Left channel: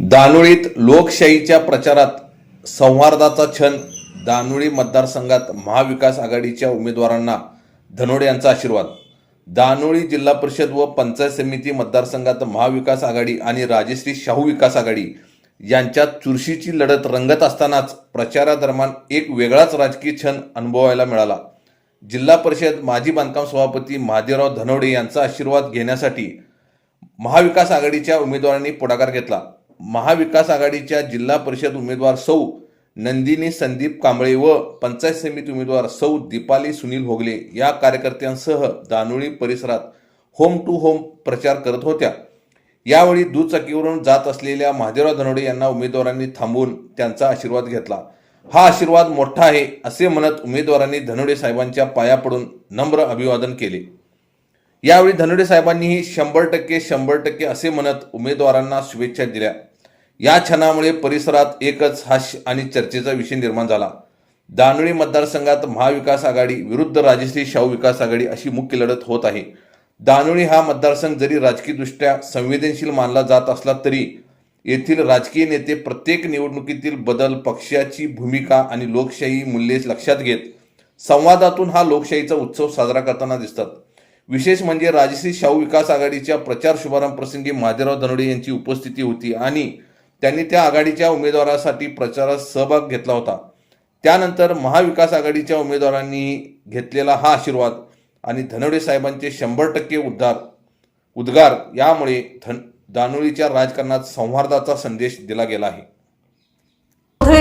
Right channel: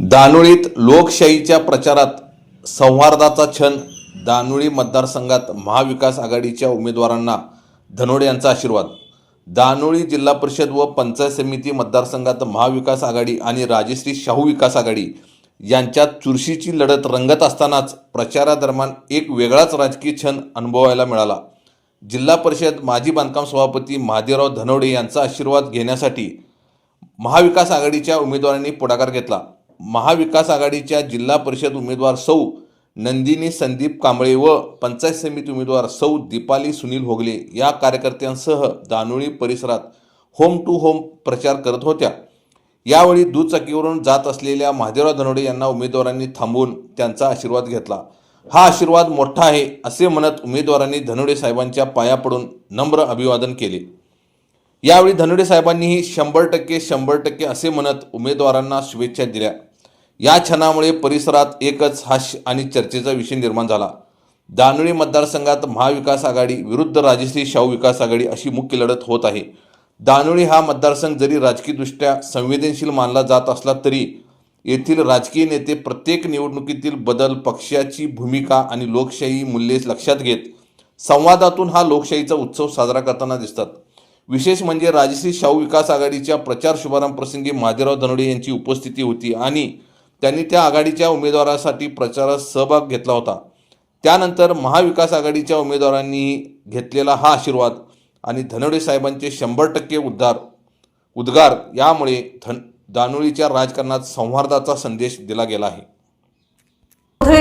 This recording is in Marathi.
दानोळीत लोकशाहीच्या प्रचारात संवादाचा क्षण दानोळी मतदारसंघात महाविकास आघाडीच्या उमेदवारांना धनोडे यांचा आशीर्वाद. दानोळी जिल्हा परिषद व पंचायत समिती मतदारसंघात महाविकास आघाडी आणि राजश्री शाहू विकास आघाडी यांच्यात चुरशीची लढत रंगत असतानाच प्रचारादरम्यान एक वेगळाच राजकीय क्षण अनुभवायला मिळाला. जिल्हा परिषद माजी बांधकाम सभापती महादेवराव धनोडे यांचा आशीर्वाद घेण्यासाठी महाविकास आघाडीच्या उमेदवारांनी पुढाकार घेतला. महाविकास आघाडीच्या जिल्हा परिषद उमेदवार सौ नंदिनी संदीप कांबळे व पंचायत समिती उमेदवार सौ दीपाली सुनील भोगले या कार्यकर्त्यांसह दानोळी परिसरात होम टू होम प्रचार करत होत्या. यावेळी दुचाकीवरून जात असलेल्या महादेवराव धनोडे यांना उमेदवारांनी थांबवून त्यांचा आशीर्वाद घेतला. हा आशीर्वाद मोठा आहे असे म्हणत उमेदवारांनी धनोडे साहेबांच्या पाया पडून नम्र अभिवादन केले. यावेळी धनोडे साहेबांनीही शंभर टक्के शंभर टक्के असे म्हणत उमेदवारांना शुभेच्छा दिल्या. या क्षणामुळे परिसरात एकच हास्य आणि चर्चेचा विषय निर्माण झाला. दानोळी मतदारसंघात महाविकास आघाडी विरुद्ध राजश्री शाहू विकास आघाडी अशी मुख्य लढत होत आहे. दानोळी हा मतदारसंघ जरी राजकीयदृष्ट्या संवेदनशील मानला जात असला तरी येथील राजकीय नेते प्रत्येक निवडणुकीतील बदल पक्षाची भूमिका आणि लोकशाही मूल्ये लक्षात घेत संवादातून हा लोकशाहीचा उत्सव साजरा करताना दिसतात. विशेष म्हणजे राजश्री शाहू विकास आघाडीच्या प्रचार शुभारंभ प्रसंगी महादेवराव धनोडे यांची उपस्थिती होती आणि त्यांनी त्या आघाडीच्या उमेदवारासाठी प्रचारात सहभाग घेतला होता. त्यानंतर महाविकास आघाडीच्या उमेदवारांनी घेतलेला हा आशीर्वाद आणि धनोडे साहेबांचे शंभर टक्के उद्धार उद्गार यामुळे धन दानोळीच्या राजकारणात संवादाचा संदेश दिला गेला आहे.